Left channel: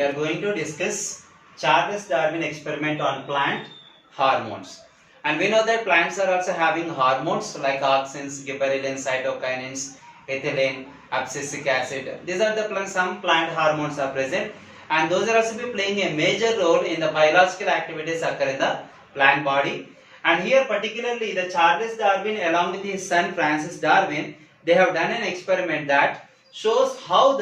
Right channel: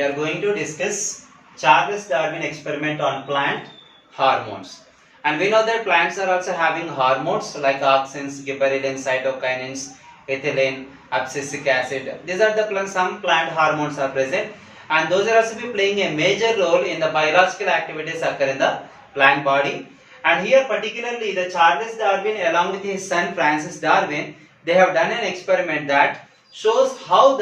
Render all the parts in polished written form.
we are going to discuss Charles Darwin experiment on plant hormones. And we know that plants are also having hormones like auxins, gibberellins, cytokinins, ethylene, abscisic acid. These are the some plant hormones are present, and those are also be playing a major role in the biological activities occur in the plant body. And here particularly the Charles Darwin along with his son Francis Darwin, they have done an experiment that shows how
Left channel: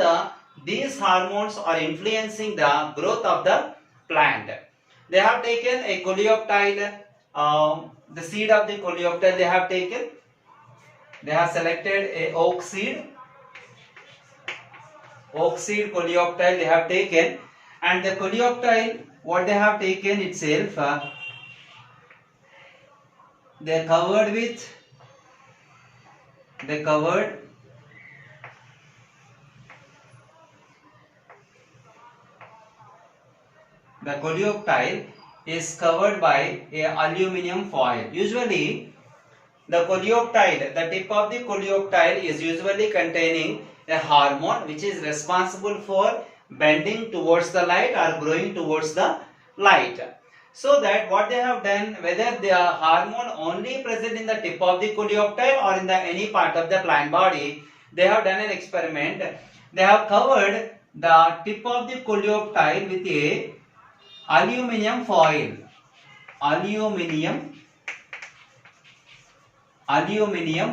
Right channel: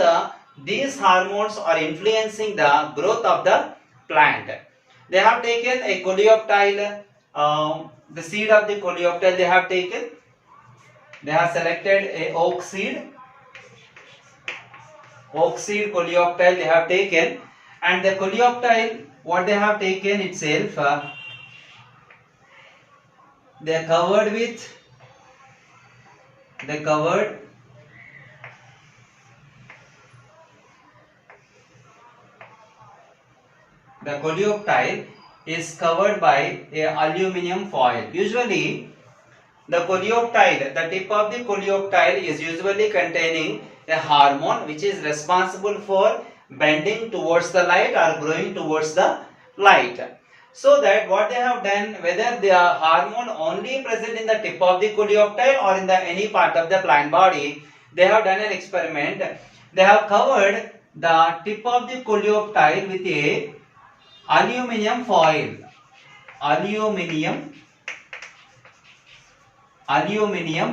these hormones are influencing the growth of the plant. They have taken a coleoptile, the seed of the coleoptile they have taken. They have selected a oak seed coleoptile they have taken, and the coleoptile what they have taken itself, they covered the coleoptile is covered by a aluminium foil. Usually the coleoptile, the tip of the coleoptile is usually containing a hormone which is responsible for bending towards the light or growing towards the light. So that what they have done, whether the hormone only present in the tip of the coleoptile or in the any part of the plant body, they have done an experiment. They have covered the tip of the coleoptile with a aluminium foil. Aluminium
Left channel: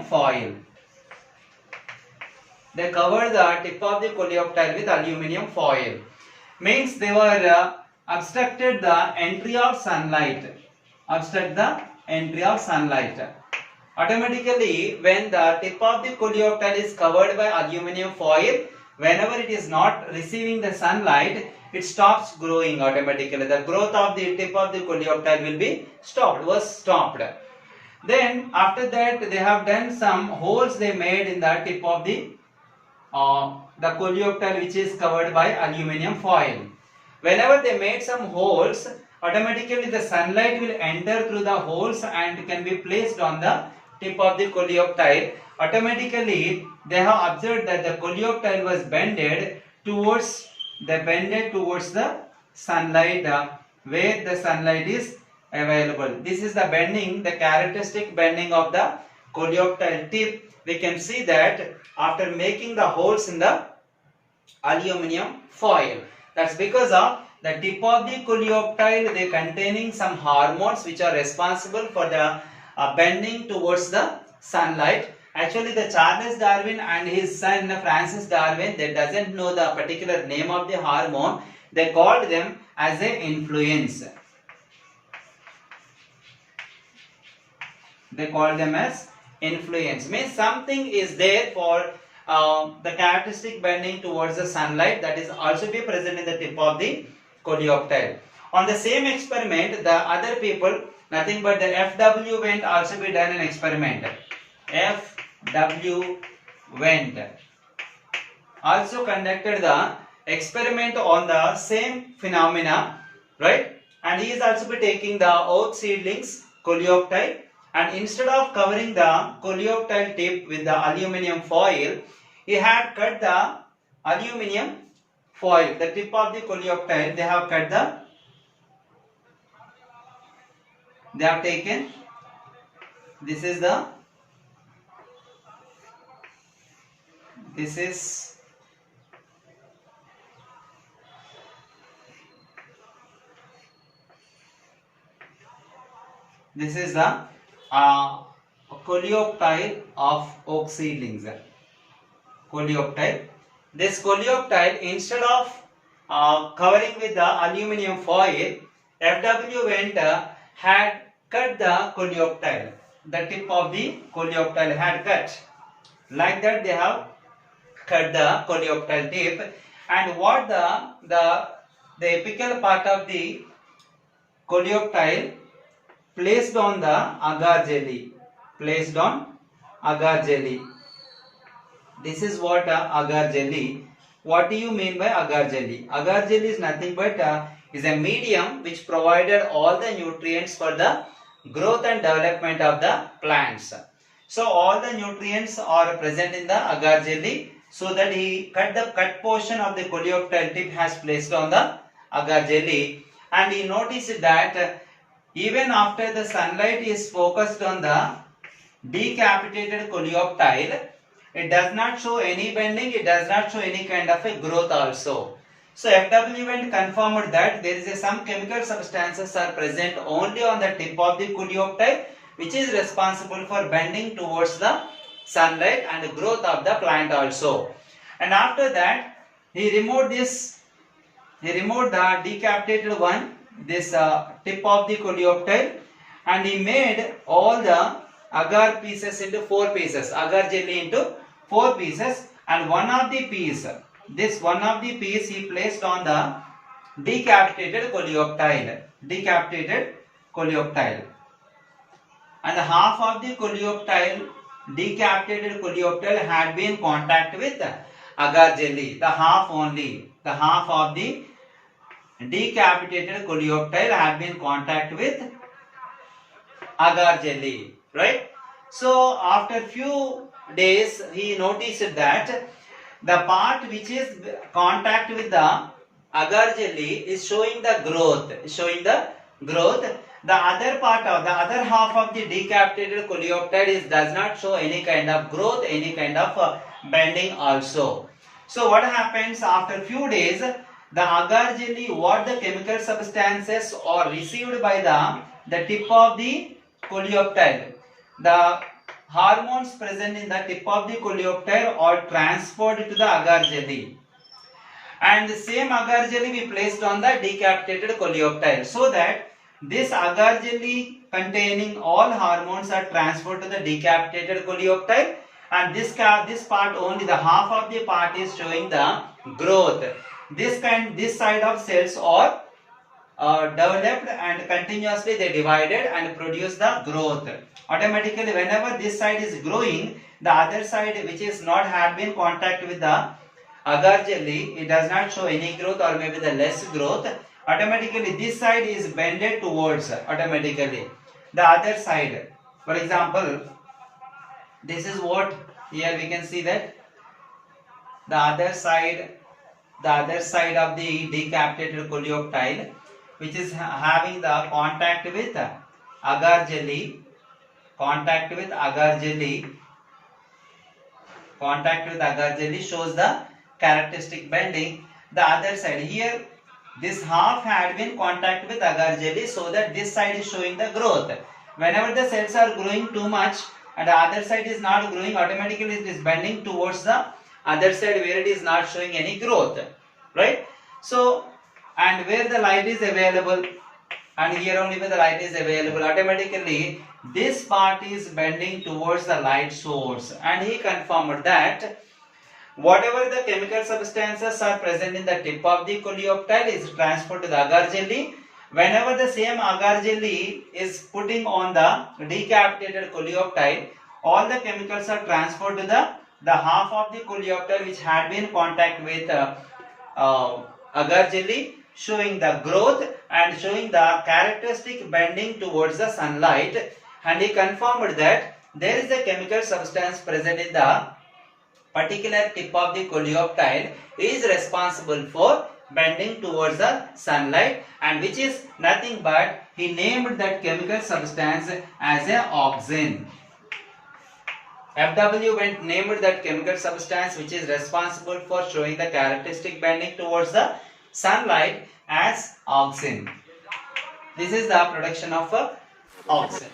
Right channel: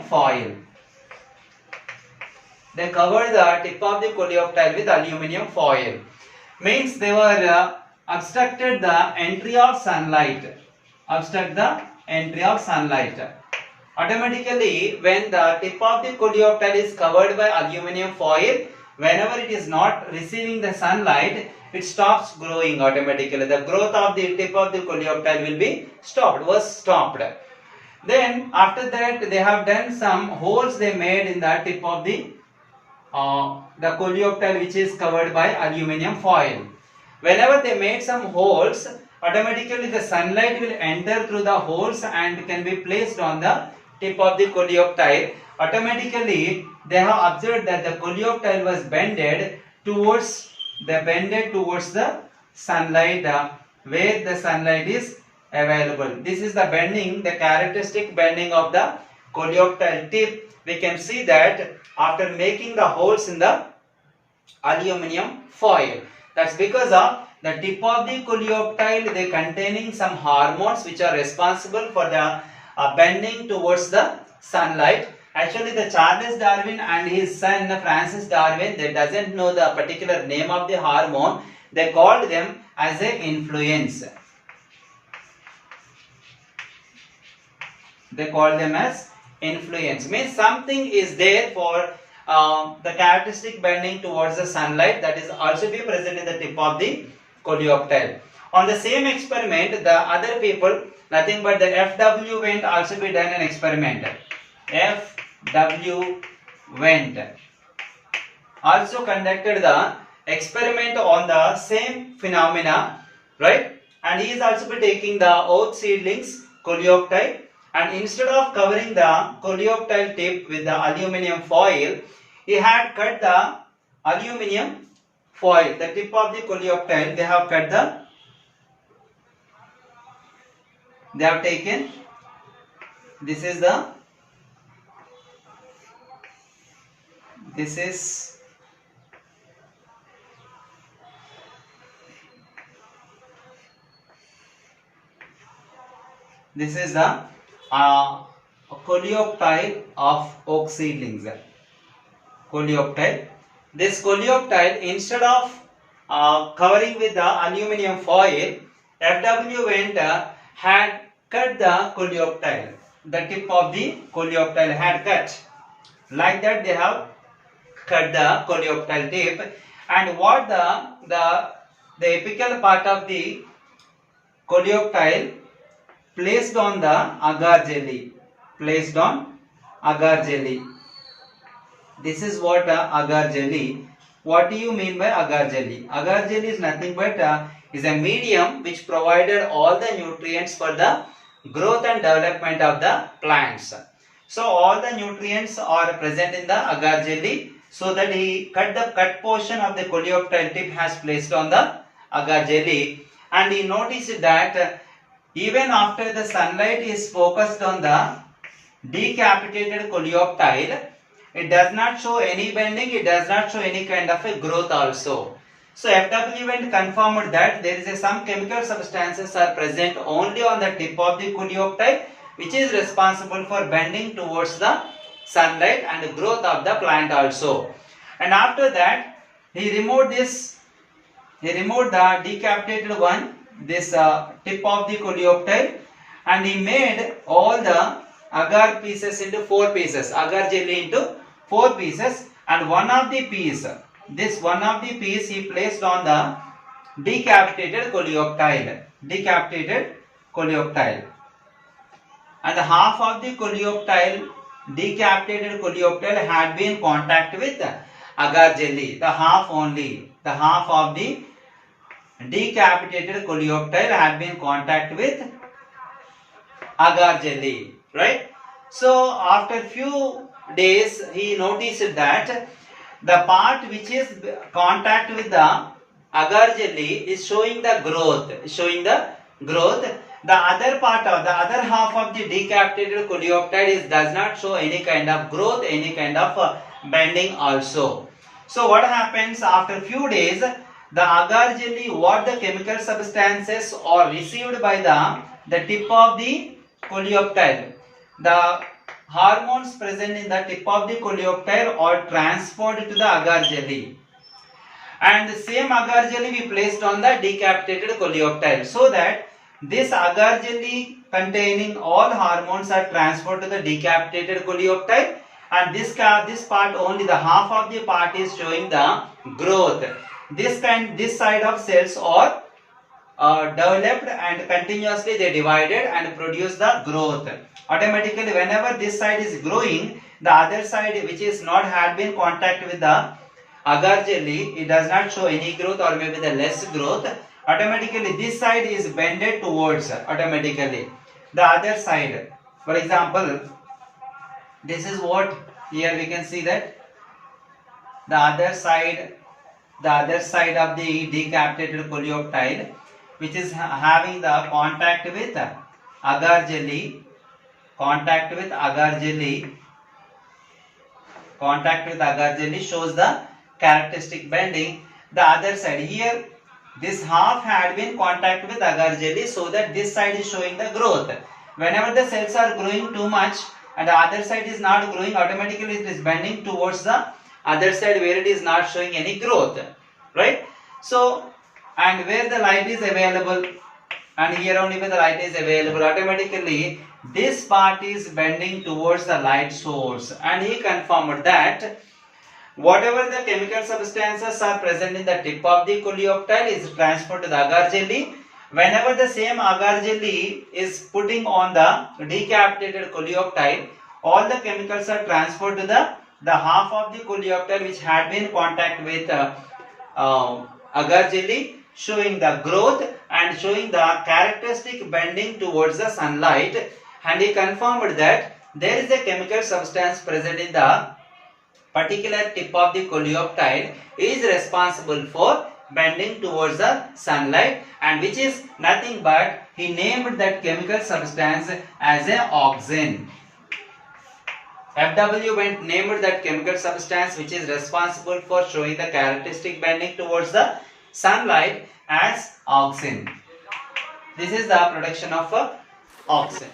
foil. They covered the tip of the coleoptile with aluminium foil. Means they were obstructed the entry of sunlight. Automatically, when the tip of the coleoptile is covered by aluminium foil, whenever it is not receiving the sunlight, it stops growing automatically. The growth of the tip of the coleoptile will be stopped. Then after that they have done some holes they made in the tip of the coleoptile which is covered by aluminium foil. Whenever they made some holes, automatically the sunlight will enter through the holes and can be placed on the tip of the coleoptile. Automatically they have observed that the coleoptile was bended towards the sunlight, where the sunlight is available. This is the bending, the characteristic bending of the coleoptile tip. We can see that after making the holes in the aluminium foil. That's because of the tip of the coleoptile, they containing some hormones which are responsible for the bending towards the sunlight. Actually, the Charles Darwin and his son Francis Darwin, they doesn't know the particular name of the hormone. They called them as a influence. They call them as influence. Means something is there for the characteristic bending towards the sunlight that is also be present in the tip of the coleoptile. On the same experiment, the other people, nothing but the FW Wendt also be done an experiment. FW Wendt also conducted the experiment on the same phenomena, right? And he is also be taking the oak seedlings coleoptile, and instead of covering the coleoptile tip with the aluminium foil, he had cut the aluminium foil, the tip of the coleoptile. They have taken, this is the coleoptile of oak seedlings. Coleoptile. This coleoptile, instead of covering with the aluminium foil, FW Wendt had cut the coleoptile. The tip of the coleoptile had cut. Like that they have cut the coleoptile tip, and what the apical part of the coleoptile placed on the agar jelly. This is what agar jelly. What do you mean by agar jelly? Agar jelly is nothing but is a medium which provided all the nutrients for the growth and development of the plants. So all the nutrients are present in the agar jelly, so that he cut portion of the coleoptile tip has placed on the agar jelly, and he noticed that even after the sunlight is focused on the decapitated coleoptile, it does not show any bending, it does not show any kind of a growth also. So FW went confirmed that there is some chemical substances are present only on the tip of the coleoptile, which is responsible for bending towards the sunlight and growth of the plant also. And after that, he removed the decapitated one, this tip of the coleoptile, and he made all the agar pieces into 4 pieces, agar jelly into 4 pieces, and one of the piece he placed on the decapitated coleoptile, and half of the decapitated coleoptile had been in contact with agar jelly. The half of the decapitated coleoptile had been in contact with agar jelly, right? So after few days, he noticed that the part which is contact with the agar jelly is showing the growth. The other half of the decapitated coleoptile does not show any kind of growth, any kind of bending also. So what happens after few days? The agar jelly, what the chemical substances are received by the tip of the coleoptile. The hormones present in the tip of the coleoptile are transferred to the agar jelly, and the same agar jelly we placed on the decapitated coleoptile, so that this agar jelly containing all hormones are transferred to the decapitated coleoptile, and this part only, the half of the part is showing the growth. This side of cells are developed and continuously they divided and produce the growth. Automatically, whenever this side is growing, the other side which is not had been contact with the agar jelly, it does not show any growth or maybe the less growth. Automatically, this side is bended towards automatically the other side. For example, this is what here we can see that the other side of the decapitated coleoptile, which is having the contact with agar jelly, shows the characteristic bending. The other side here, this half had been contact with agar jelly, so that this side is showing the growth. Whenever the cells are growing too much and the other side is not growing, automatically it is bending towards the other side where it is not showing any growth, right? So, and where the light is available, and here only where the light is available, automatically this part is bending towards the light source. And he confirmed that whatever the chemical substances are present in the tip of the coleoptile is transferred to the agar jelly. Whenever the same agar jelly is putting on the decapitated coleoptile, all the chemicals are transferred to the half of the coleoptile which had been in contact with agar jelly, showing the growth and showing the characteristic bending towards the sunlight. And he confirmed that there is a chemical substance present in the particular tip of the coleoptile is responsible for bending towards the sunlight, and which is nothing but he named that chemical substance as an auxin. FW named that chemical substance which is responsible for showing the characteristic bending towards the sunlight as auxin. This is the production of auxin.